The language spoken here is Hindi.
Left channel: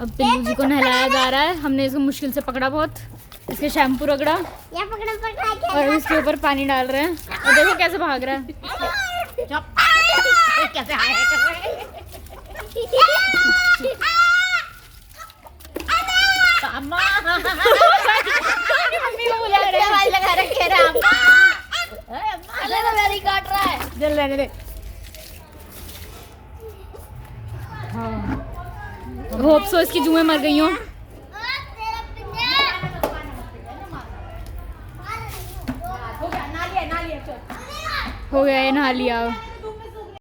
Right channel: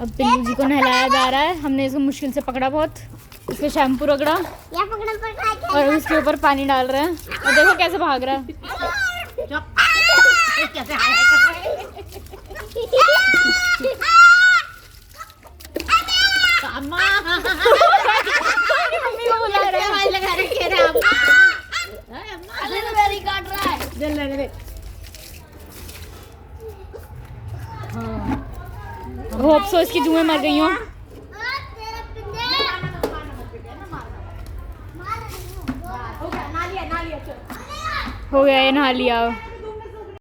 अब पिल्लू जी को नहलाया जा रहा है। हमने इसको मुश्किल से पकड़ा बहुत, इसके शैम्पू रगड़ा और इसके ऊपर पानी डाल रहे हैं और देखो कैसे भाग रहा है। मम्मी को बुला रहे हैं। होप सो इसकी जुएं मर गई हो। हो गया ये नहा लिया।